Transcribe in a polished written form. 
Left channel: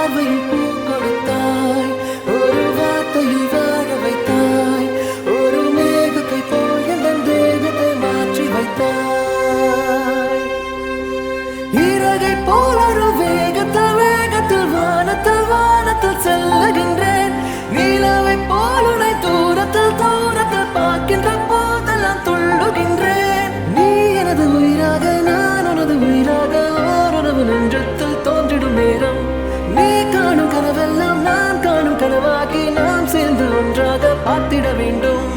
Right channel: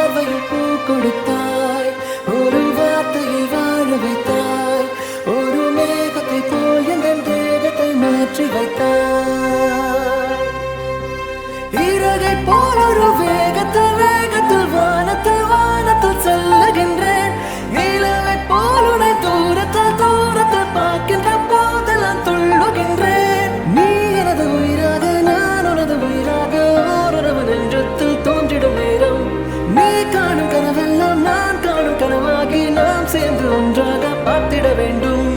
பார்வையில் பூ கொடுத்தாய், ஒரு வார்த்தையில் வாழ வைத்தாய், ஒரு மேகத்தை போல் எந்த தேகத்தை மாற்றி வைத்தாய். இறகை போல் ஒரு வேகத்தில் வேகத்தில் வானத்தில் வானத்தில் செல்லுகின்றேன். நிலவை போல் உன்னை தூரத்தில் தூரத்தில் பார்க்கின்ற போதெல்லாம் துள்ளுகின்றேன். நீ எனது உயிராக நான் உனது உயிராக ஓரளவு நெஞ்சத்தில் தோன்றிடும் நேரம். நீ காணும் கனவெல்லாம் நான் காணும் கனவாகி நாம் சேர்ந்து ஒன்றாக பார்த்திட வேண்டும்.